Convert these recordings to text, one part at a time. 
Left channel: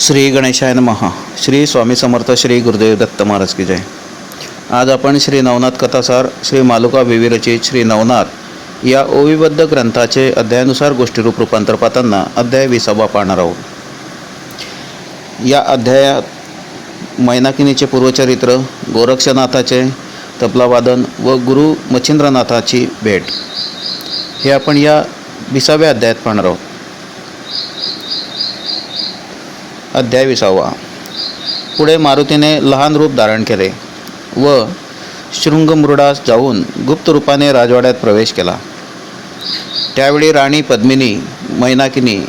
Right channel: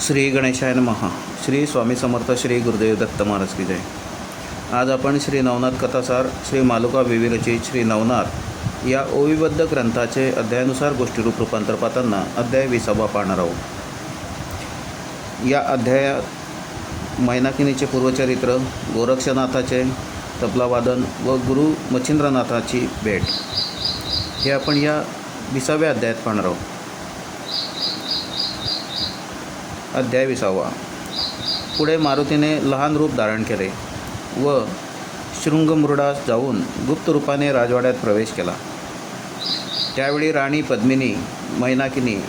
श्री गणेशाय महा श्री स्वामी समर्थ श्री गुरुदेव दत्त महाराज की जय. आज आपण श्री नवनाथ कथासार श्री मालुका विविरचित श्री नवनाथ या ओविबद्ध ग्रंथाचे अध्यायानुसार गोष्टीरूप रूपांतर पाहताना अध्याय विसावा पाहणार आहोत. या अध्यायात मैनाकिनीचे पूर्वचरित्र गोरक्षनाथाचे तबलावादन व गुरु मच्छिंद्रनाथाची भेट. हे आपण या विसाव्या अध्यायात पाहणार आहोत. अध्याय विसावा. पुढे मारुतीने लहान रूप धारण केले व शृंगमृडास जाऊन गुप्त रूपाने राजवाड्यात प्रवेश केला. त्यावेळी राणी पद्मिनी मैनाकिनी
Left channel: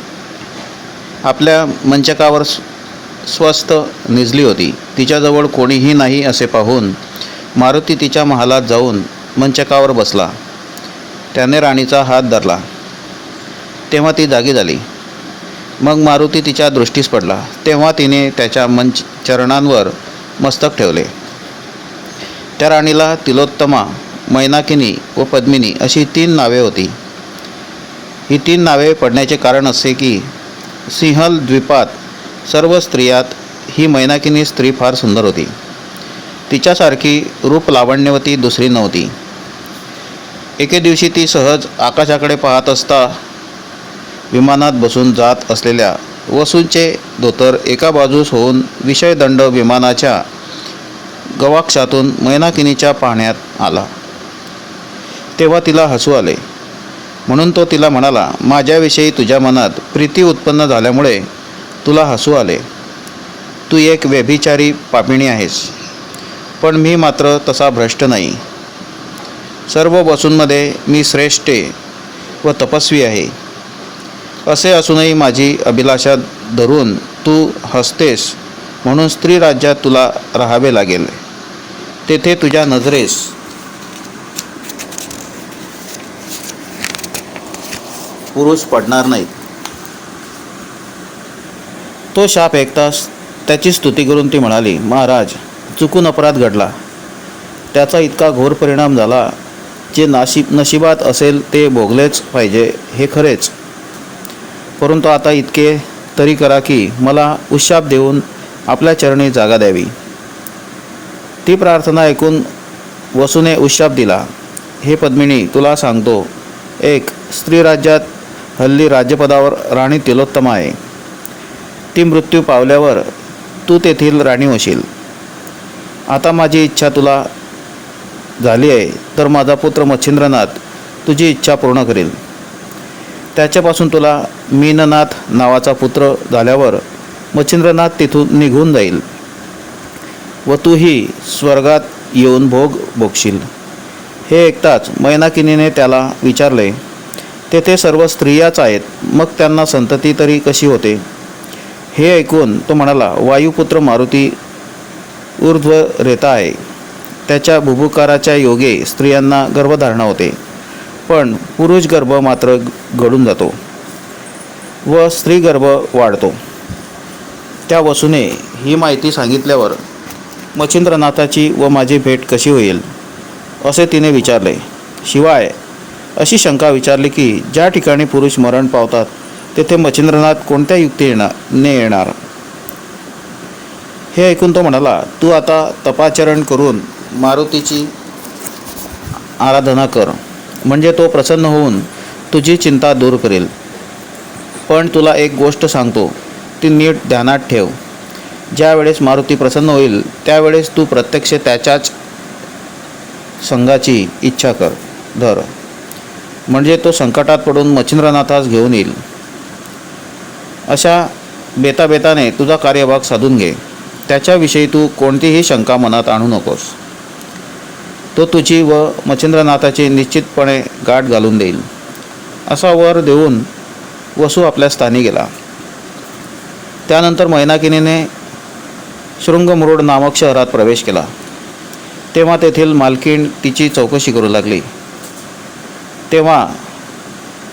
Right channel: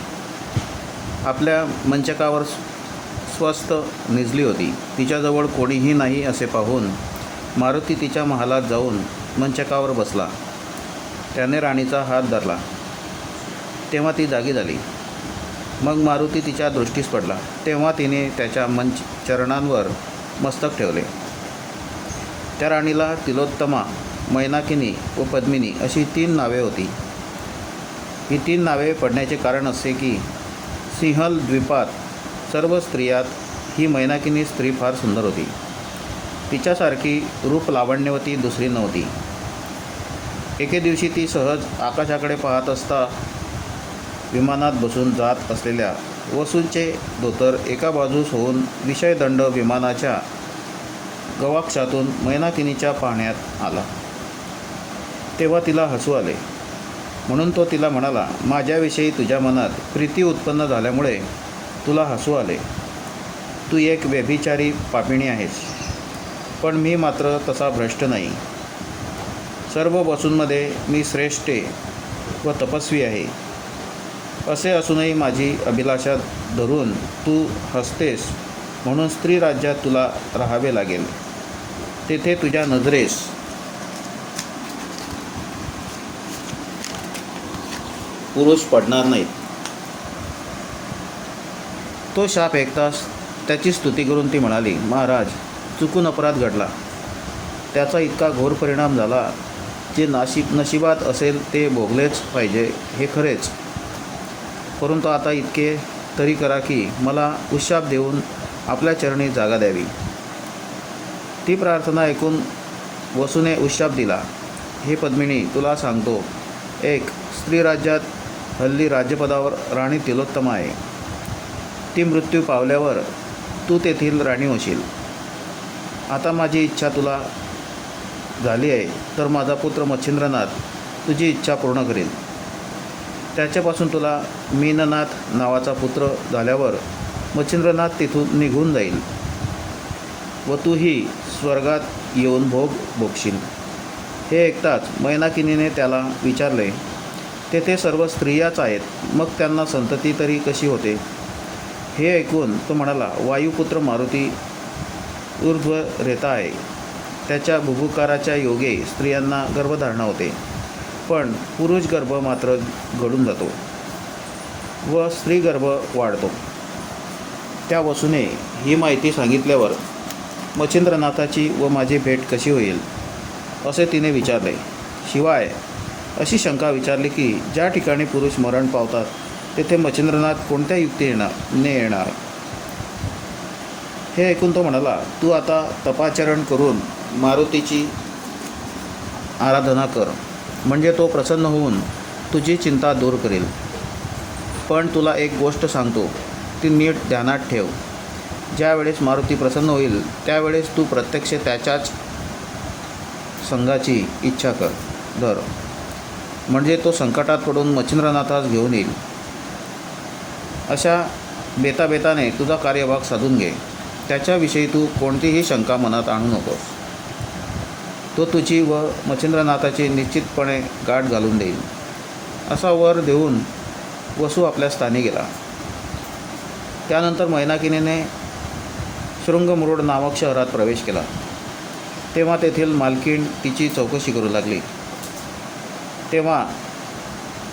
आपल्या मंचकावर स्वस्थ निजली होती. तिच्याजवळ कोणीही नाही असे पाहून मारुती तिच्या महालात जाऊन मंचकावर बसला. त्याने राणीचा हात धरला. तेव्हा ती जागी झाली. मग मारुती तिच्या दृष्टीस पडला. तेव्हा तिने त्याच्या मंच चरणांवर मस्तक ठेवले. त्या राणीला तिलोत्तमा मैनाकिनी व पद्मिनी अशी तीन नावे होती. ही तीन नावे पडण्याचे कारण असे की सिंहल द्वीपात सर्व स्त्रियात ही मैनाकिनी स्त्री फार सुंदर होती. तिच्यासारखी रूप लावण्यवती दुसरी नव्हती. एके दिवशी ती सहज आकाशाकडे पाहत असता विमानात बसून जात असलेल्या वसूंचे धोतर एका बाजूस होऊन विषयदंड विमानाच्या गवाक्षातून मैनाकिनीच्या पाहण्यात आला. तेव्हा तिला हसू आले. म्हणून तो तिला म्हणाला माझ्याविषयी तुझ्या मनात प्रीती उत्पन्न झाल्यामुळे तुला हसू आले. तू एक व्यभिचारी पापिणी आहेस. पण मी मात्र तसा भ्रष्ट नाही. सर्व वसूंमध्ये मी श्रेष्ठ व तपस्वी आहे. असे असूनही माझी अभिलाषा धरून तू हसतेस म्हणून स्त्री राज्यात तुला राहावे लागेल. तेथे तुझ्या नजरेस. पुरुष पडणार नाहीत. तो शाप ऐकताच त्याची स्तुती करून ती म्हणाली महाराज चुकून अपराध घडला. त्याचा इतका घोर परिणाम झाला जे नाशिब नशिबात असेल ते भोगलेच पाहिजे हे खरेच. परंतु आता इतके तरी करा की मला उशाप देऊन आपल्या चरणी जागा द्यावी. ती प्रार्थना ऐकून वसूने उशाप दिला. हे पद्मिनी तुला सांगतो एक स्त्री राज्यात हल्ली राज्यपदावर राणी तिलोत्तमा आहे. ती मृत्यू पावल्यावर तू तेथील राणी होशील. आता माझी इच्छा तुला झाली आहे तर माझा पुत्र मच्छिंद्रनाथ तुझी इच्छा पूर्ण करेल. त्याच्यापासून तुला मीननाथ नावाचा पुत्र झाल्यावर मच्छिंद्रनाथ तिथून निघून जाईल व तूही स्वर्गात येऊन भोग भोगशील. हे ऐकताच मैनाकिनीने त्याला विचारले तेथे सर्व स्त्रियाच आहेत मग त्यांना संतती तरी कशी होते? हे ऐकून तो म्हणाला वायुपुत्र मारुती ऊर्ध्व रेता आहे. त्याच्या भुभुकाराच्या योगे स्त्रियांना गर्भधारणा होते. पण पुरुष गर्भ मात्र घडून जातो व स्त्री गर्भ वाढतो. त्या वसूने ही माहिती सांगितल्यावर मच्छिंद्रनाथाची व माझी भेट कशी होईल? असे तिने विचारले. शिवाय अशी शंका विचारली की ज्या ठिकाणी पुरुष मरण पावतात तेथे मच्छिंद्रनाथ कोणत्या युक्ती येणार ने येणार? हे ऐकून तो म्हणाला तू आता तपाचरण करून मारुतीची आराधना कर. म्हणजे तो प्रसन्न होऊन तुझी चिंता दूर करेल. पण तुला एक गोष्ट सांगतो ती नीट ध्यानात ठेव. ज्यावेळेस मारुती प्रसन्न होईल त्यावेळेस तू प्रत्यक्ष त्याच्याच संघाची इच्छा कर धर. म्हणजे तो संकटात पडून मच्छिंद्रनाथास घेऊन येईल. अशा बेताबेताने तुझा कार्यभाग साधून घे. त्याच्याविषयी तू कोणतीही शंका मनात आणू नकोस. तो तुझी व मच्छिंद्रनाथाची निश्चितपणे गाठ घालून देईल. असा वर देऊन वसू आपल्या स्थानी गेला. त्यानंतर मैनाकिनीने शृंगमुरुड नामक शहरात प्रवेश केला. तेव्हा तेथील मालकीण तिची चौकशी करू लागली. तेव्हा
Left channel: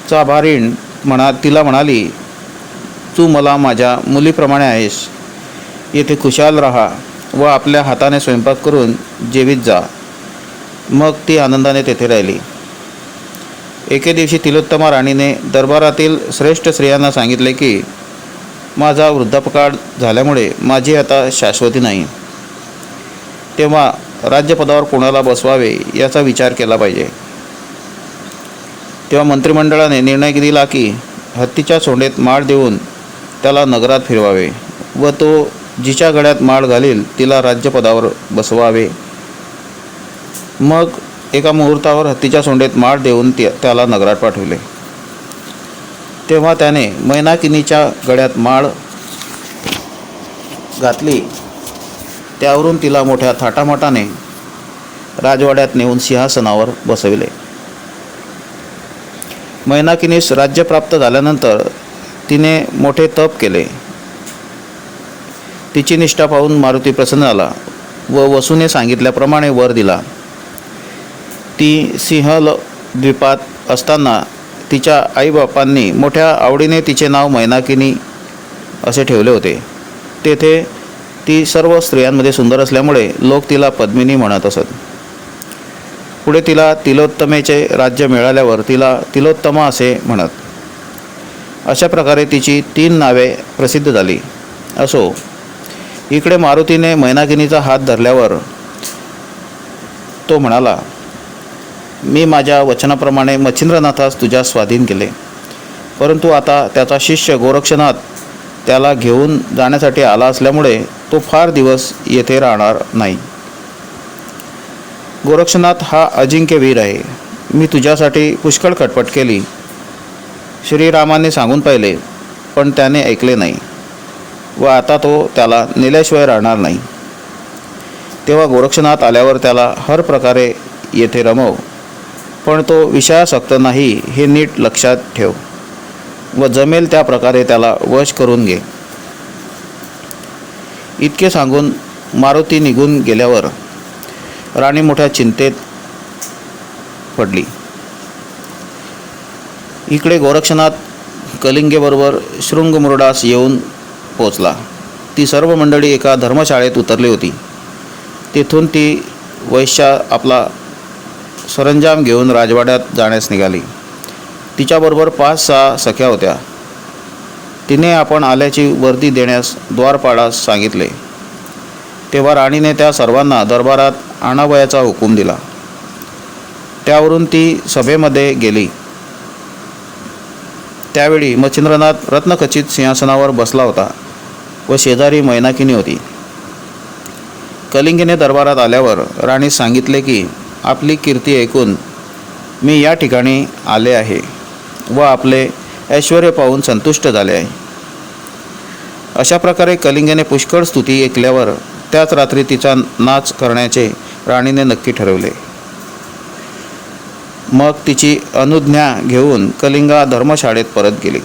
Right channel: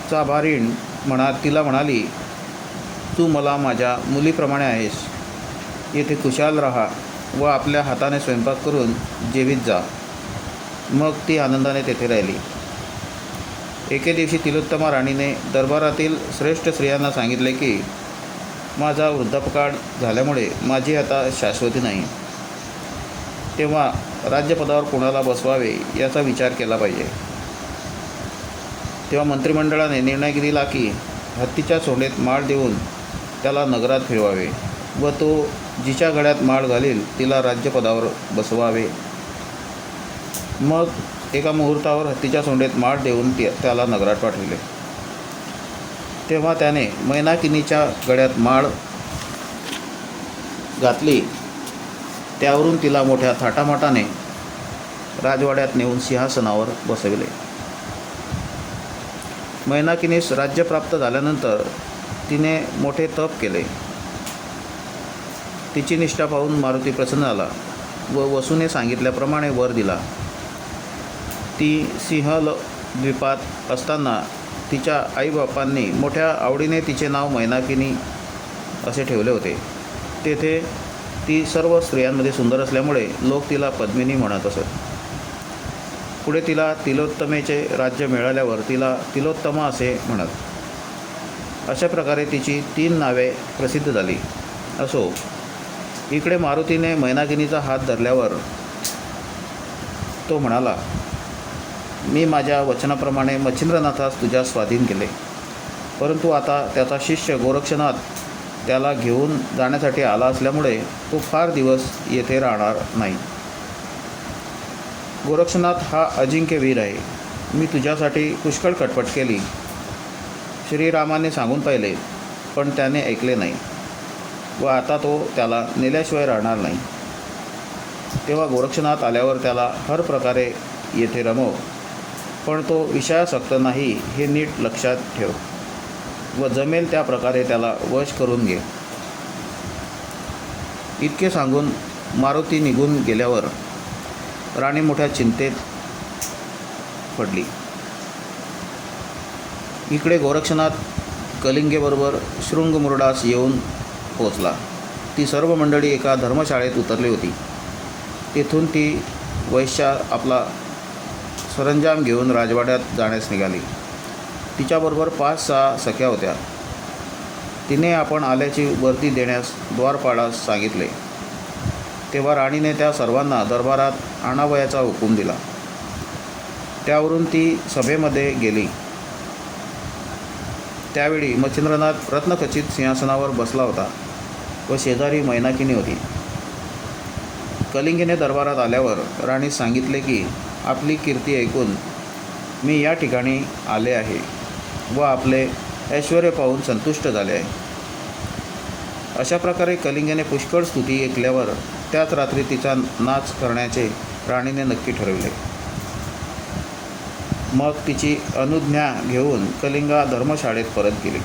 चाभारीण म्हणा तिला म्हणाली तू मला माझ्या मुलीप्रमाणे आहेस. येथे खुशाल राहा व आपल्या हाताने स्वयंपाक करून जेवीत जा. मग ती आनंदाने तेथे राहिली. एके दिवशी तिलोत्तमा राणीने दरबारातील श्रेष्ठ स्त्रियांना सांगितले की माझा वृद्धापकाळ झाल्यामुळे माझी आता शाश्वती नाही. तेव्हा राज्यपदावर कोणाला बसवावे याचा विचार केला पाहिजे. तेव्हा मंत्रिमंडळाने निर्णय दिला की हत्तीच्या सोंडेत माळ देऊन त्याला नगरात फिरवावे व तो जिच्या गळ्यात माळ घालील तिला राज्यपदावर बसवावे. मग एका मुहूर्तावर हत्तीच्या सोंडेत माळ देऊन ते त्याला नगरात पाठविले. तेव्हा त्याने मैनाकिनीच्या गळ्यात माळ घातली. त्यावरून तिला मोठ्या थाटामाटाने राजवाड्यात नेऊन सिंहासनावर बसविले. मैनाकिनीस राज्य प्राप्त झाल्यानंतर तिने मोठे तप केले. तिची निष्ठा पाहून मारुती प्रसन्न झाला व वसूने सांगितल्याप्रमाणे वर दिला. ती सिंहल द्वीपात असताना तिच्या आईबापांनी मोठ्या आवडीने तिचे नाव मैनाकिनी असे ठेवले होते. तेथे ती सर्व स्त्रियांमध्ये सुंदर असल्यामुळे लोक तिला पद्मिनी म्हणत असत. पुढे तिला तिलोत्तमेचे राज्य मिळाल्यावर तिला तिलोत्तमा असे म्हणत. अशा प्रकारे तिची तीन नावे प्रसिद्ध झाली. असो इकडे मारुतीने मैनाकिनीचा हात धरल्यावर तो म्हणाला मी माझ्या वचनाप्रमाणे मच्छिंद्रनाथास तुझ्या स्वाधीन केले. परंतु आता त्याचा शिष्य गोरक्षनाथ त्याला घेऊन जाण्यासाठी आला असल्यामुळे तो फार दिवस येथे राहणार नाही. गोरक्षनाथ हा अजिंक्य वीर आहे. मी तुझ्यासाठी पुष्कळ खटपट केली. श्रीरामाने सांगून पाहिले पण त्याने ऐकले नाही व आता तो त्याला नेल्याशिवाय राहणार नाही. तेव्हा गोरक्षनाथ आल्यावर त्याला हर प्रकारे येथे रमव. पण तो विषयासक्त नाही हे नीट लक्षात ठेव व जमेल त्या प्रकारे त्याला वश करून घे. इतके सांगून मारुती निघून गेल्यावर राणी मोठ्या चिंतेत पडली. इकडे गोरक्षनाथ कलिंगेबरोबर शृंगमुरडास येऊन पोचला. ती सर्व मंडळी एका धर्मशाळेत उतरली होती. तेथून ती वैश्या आपला सरंजाम घेऊन राजवाड्यात जाण्यास निघाली. तिच्याबरोबर पाच सहा सख्या होत्या. तिने आपण आल्याची वर्दी देण्यास द्वारपाडास सांगितले. तेव्हा राणीने त्या सर्वांना दरबारात आणावयाचा हुकूम दिला. त्यावरून ती सभेमध्ये गेली. त्यावेळी मच्छिंद्रनाथ रत्नखचित सिंहासनावर बसला होता व शेजारी मैनाकिनी होती. कलिंगीने दरबारात आल्यावर राणी सांगितले की आपली कीर्ती ऐकून मी या ठिकाणी आले आहे व आपले ऐश्वर पाहून संतुष्ट झाले आहे. अशा प्रकारे कलिंगने पुष्कळ स्तुती ऐकल्यावर त्याच रात्री तिचा नाच करण्याचे राणीने नक्की ठरवले. मग तिची अनुज्ञा घेऊन कलिंगा धर्मशाळेत परत गेली.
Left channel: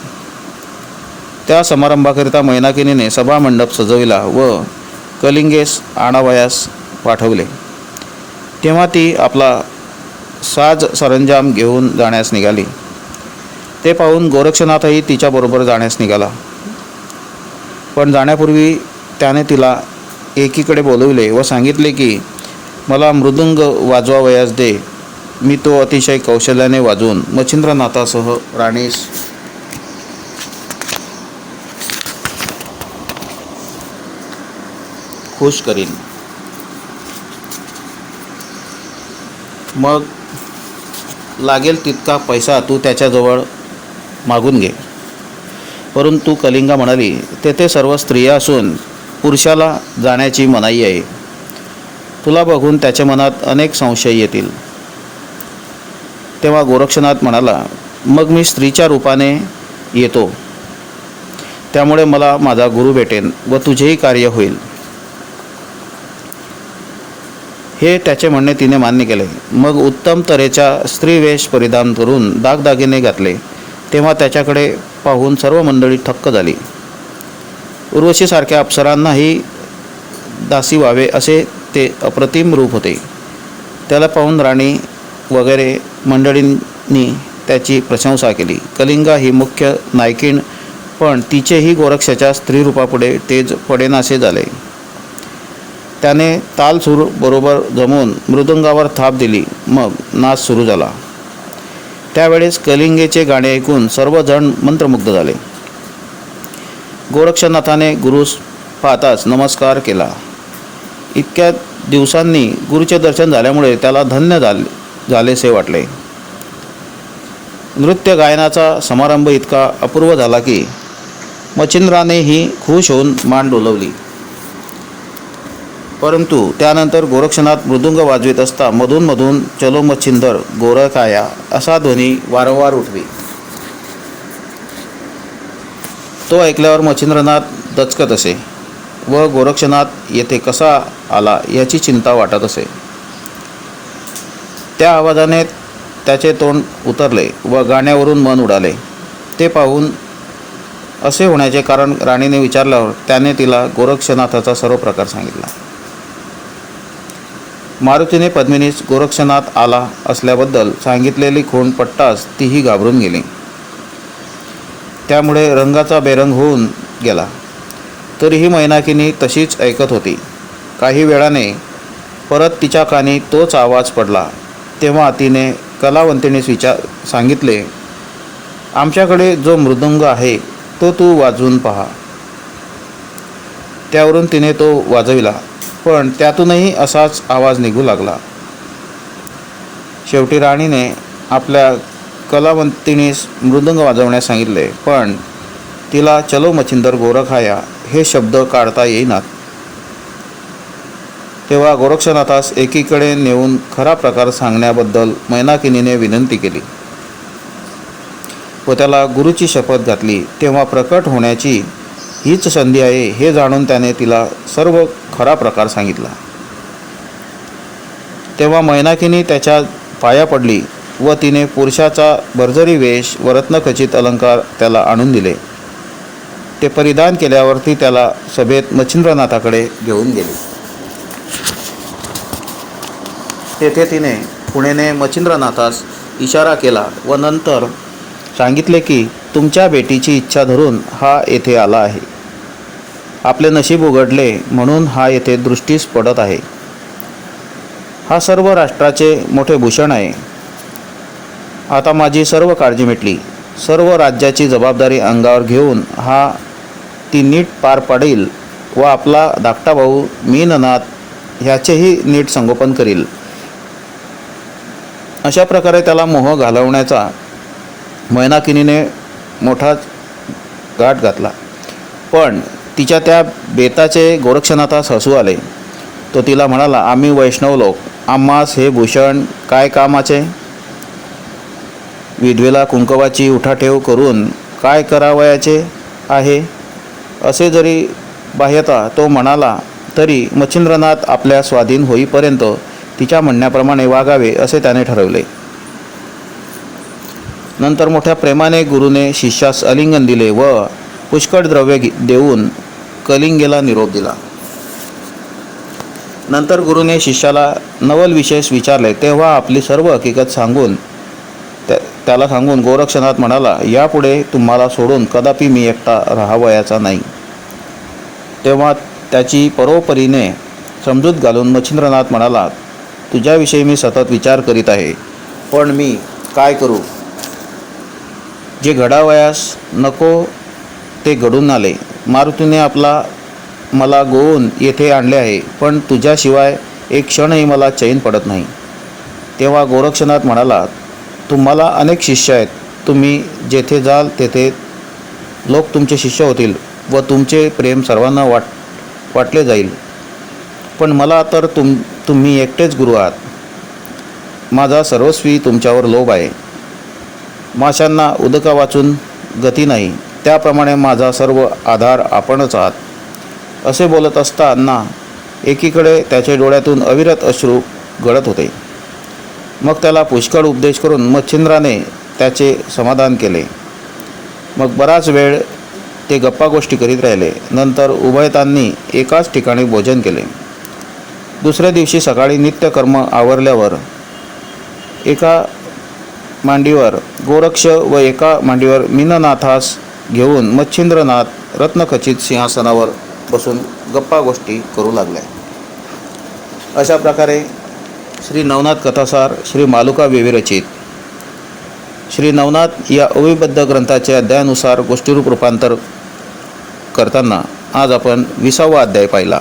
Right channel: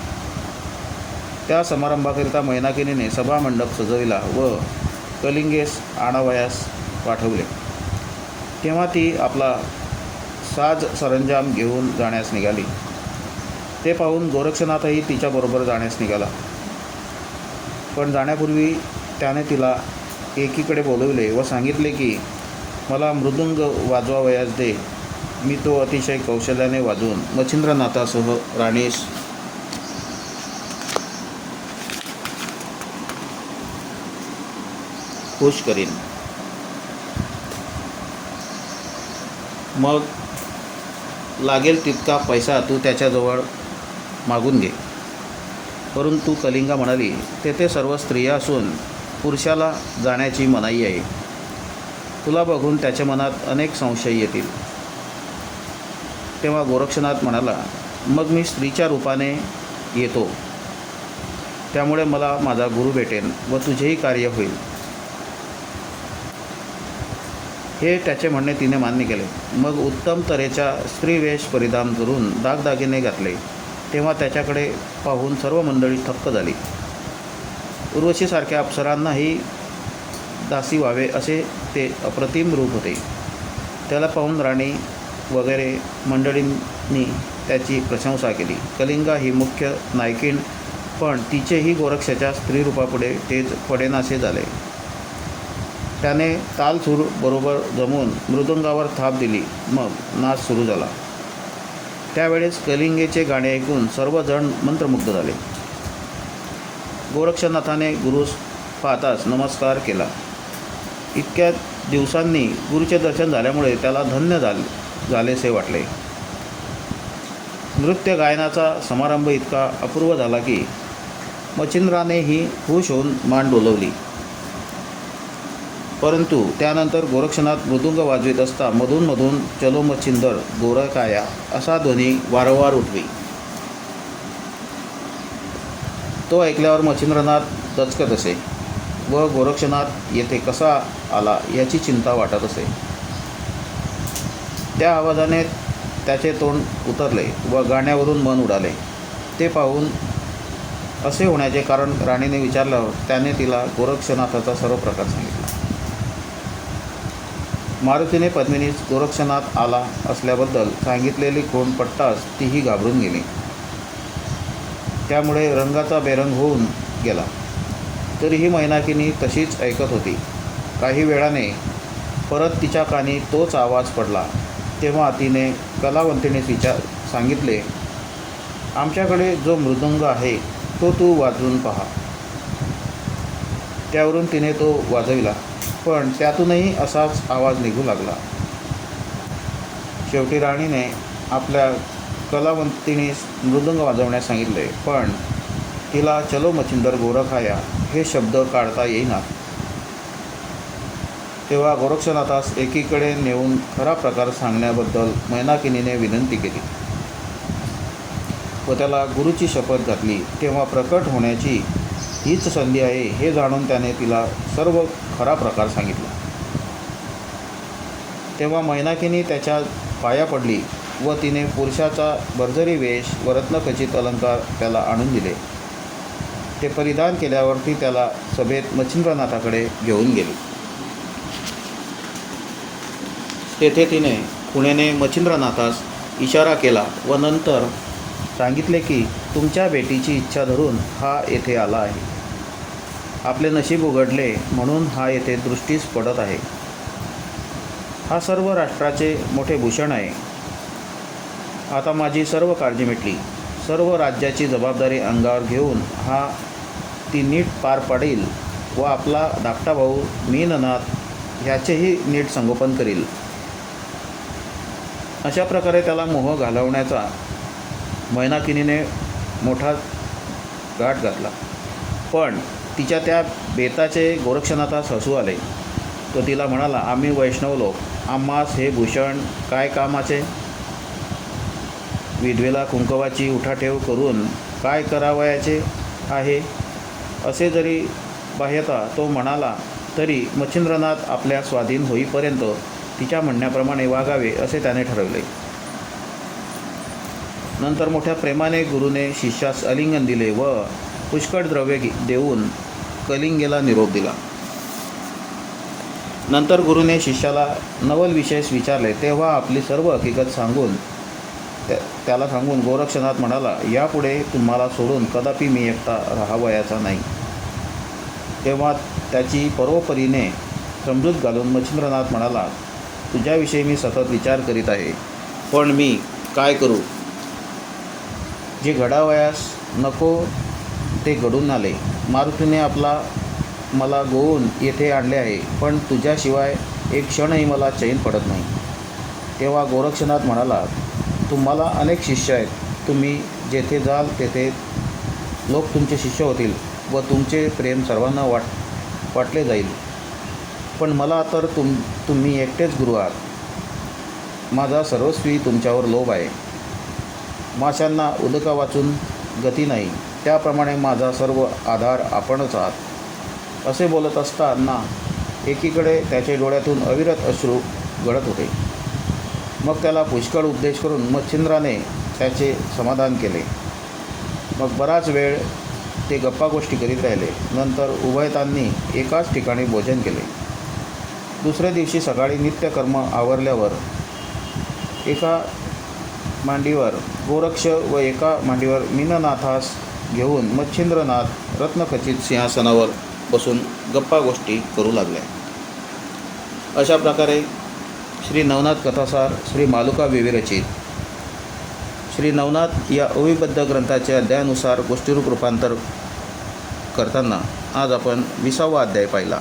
त्या समारंभाकरिता मैनाकिनीने सभामंडप सजविला व कलिंगेस आणावयास पाठवले. तेव्हा ती आपला साज सरंजाम घेऊन जाण्यास निघाली. ते पाहून गोरक्षनाथही तिच्याबरोबर जाण्यास निघाला. पण जाण्यापूर्वी त्याने तिला एकीकडे बोलवले व सांगितले की मला मृदुंग वाजवावयास दे. मी तो अतिशय कौशल्याने वाजवून मच्छिंद्रनाथासह राणीस खुश करीन. मग लागेल तितका पैसा तू त्याच्याजवळ मागून घे. परंतु कलिंगा म्हणाली तेथे सर्व स्त्रिया असून पुरुषाला जाण्याची मनाई आहे. तुला बघून त्याच्या मनात अनेक संशय येतील. तेव्हा गोरक्षनाथ म्हणाला मग मी स्त्रीच्या रूपाने येतो. त्यामुळे मला माझा गुरु भेटेन व तुझेही कार्य होईल. हे त्याचे म्हणणे तिने मान्य केले. मग उत्तम तऱ्हेचा स्त्रीवेश परिधान करून दागदागिने घातले. तेव्हा त्याच्याकडे पाहून सर्व मंडळी थक्क झाली. उर्वशीसारख्या अप्सरांनाही दासी व्हावे असे ते अप्रतिम रूप होते. त्याला पाहून राणी वगैरे मंडळींनी त्याची प्रशंसा केली. कलिंगा ही मुख्य नायकीण पण तिचेही गोरक्षाच्या स्त्रीरूपापुढे तेज पडेनासे झाले. त्याने ताल सूर बरोबर जमवून मृदंगावर थाप दिली. मग नाच सुरू झाला. त्यावेळेस कलिंगेचे गाणे ऐकून सर्वजण मंत्रमुग्ध झाले. गोरक्षनाथाने गुरुस पाहताच नमस्कार केला. इतक्या दिवसांनी गुरुचे दर्शन झाल्यामुळे त्याला धन्य झाले झालेसे वाटले. नृत्य गायनाचा समारंभ इतका अपूर्व झाला की मच्छिंद्रानेही खुश होऊन मान डोलवली. परंतु त्यानंतर गोरक्षनाथ मृदुंग वाजवीत असता मधूनमधून चलो मच्छिंदर गोरखाया असा ध्वनी वारंवार उठवी. तो ऐकल्यावर मच्छिंद्रनाथ दचकत असे व गोरक्षनाथ येथे कसा आला याची चिंता वाटत असे. त्या आवाजाने त्याचे तोंड उतरले व गाण्यावरून मन उडाले. ते पाहून असे होण्याचे कारण राणीने विचारल्यावर त्याने तिला गोरक्षनाथाचा सर्व प्रकार सांगितला. मारुतीने पद्मिनीस गोरक्षनाथ आला असल्याबद्दल सांगितलेली खूण पट्टास तीही घाबरून गेली. त्यामुळे रंगाचा बेरंग होऊन गेला. तरीही मैनाकिनी तशीच ऐकत होती. काही वेळाने परत तिच्या कानी तोच आवाज पडला. तेव्हा तिने कलावंतीने विचार सांगितले आमच्याकडे जो मृदंग आहे तो तू वाजवून पहा. त्यावरून तिने तो वाजविला. पण त्यातूनही असाच आवाज निघू लागला. शेवटी राणीने आपल्या कलावंतीनीस मृदंग वाजवण्यास सांगितले पण तिला चलो मच्छिंदर गोरखाया हे शब्द काढता येईनात तेव्हा गोरक्षनाथास एकीकडे नेऊन खरा प्रकार सांगण्याबद्दल मैनाकिनीने विनंती केली व त्याला गुरुची शपथ घातली. तेव्हा प्रकट होण्याची हीच संधी आहे हे जाणून त्याने तिला सर्व खरा प्रकार सांगितला. तेव्हा मैनाकिनी त्याच्या पाया पडली व तिने पुरुषाचा भरजरी वेश व रत्नखचित अलंकार त्याला आणून दिले. ते परिधान केल्यावरती त्याला सभेत मच्छिंद्रनाथाकडे घेऊन गेली. तेथे तिने पुणेने मच्छिंद्रनाथास इशारा केला व नंतर सांगितले की तुमच्या बेटीची इच्छा धरून हा येथे आला आहे. आपले नशीब उघडले म्हणून हा येथे दृष्टीस पडत आहे. हा सर्व राष्ट्राचे मोठे भूषण आहे. आता माझी सर्व काळजी मिटली. सर्व राज्याची जबाबदारी अंगावर घेऊन हा ती नीट पार पाडेल व आपला धाकटा भाऊ मीननाथ ह्याचेही नीट संगोपन करील. अशा प्रकारे त्याला मोह घालवण्याचा मैनाकिनीने मोठा गाठ घातला. पण तिच्या त्या बेताचे गोरक्षनाथास हसू आले. तो तिला म्हणाला आम्ही वैष्णव लोक आम्हास हे भूषण काय कामाचे? विधवेला कुंकवाची उठाठेव करून काय करावयाचे आहे? असे जरी बाह्यता तो म्हणाला तरी मच्छिंद्रनाथ आपल्या स्वाधीन होईपर्यंत तिच्या म्हणण्याप्रमाणे वागावे असे त्याने ठरवले. नंतर मोठ्या प्रेमाने गुरुने शिष्यास अलिंगन दिले व पुष्कळ द्रव्य घे- देऊन कलिंगेला निरोप दिला. नंतर गुरुने शिष्याला नवल विशेष विचारले तेव्हा आपली सर्व हकीकत सांगून त्या- त्याला सांगून गोरक्षनाथ म्हणाला यापुढे तुम्हाला सोडून कदापि मी एकटा राहावयाचा नाही. तेव्हा त्याची परोपरीने समजूत घालून मच्छिंद्रनाथ म्हणाला तुझ्याविषयी मी सतत विचार करीत आहे पण मी काय करू? जे घडावयास नको ते घडून आले. मारुतीने आपला मला गोवून येथे आणले आहे पण तुझ्याशिवाय एक क्षणही मला चैन पडत नाही. तेव्हा गोरक्षनाथ म्हणाला तुम्हाला अनेक शिष्य आहेत. तुम्ही जेथे जाल तेथे लोक तुमचे शिष्य होतील व तुमचे प्रेम सर्वांना वाट वाटले जाईल. पण मला तर तुम तुम्ही एकटेच गुरु आहात. माझा सर्वस्वी तुमच्यावर लोभ आहे. माशांना उदका वाचून गती नाही. त्याप्रमाणे माझा सर्व आधार आपणच आहात. असे बोलत असताना एकीकडे त्याच्या डोळ्यातून अविरत अश्रू गळत होते. मग त्याला पुष्कळ उपदेश करून मच्छिंद्राने त्याचे समाधान केले. मग बराच वेळ ते गप्पा गोष्टी करीत राहिले. नंतर उभयतांनी एकाच ठिकाणी भोजन केले. दुसऱ्या दिवशी सकाळी नित्यकर्म आवरल्यावर एका मांडीवर गोरक्ष व एका मांडीवर मीननाथास घेऊन मच्छिंद्रनाथ रत्नखचित सिंहासनावर बसून गप्पा गोष्टी करू लागल्या. अशा प्रकारे श्री नवनाथ कथासार श्री मालुका विविरचित श्री नवनाथ या अविबद्ध ग्रंथाचे अध्यायानुसार गोष्टीरूप रूपांतर करताना आज आपण विसावा अध्याय पाहिला.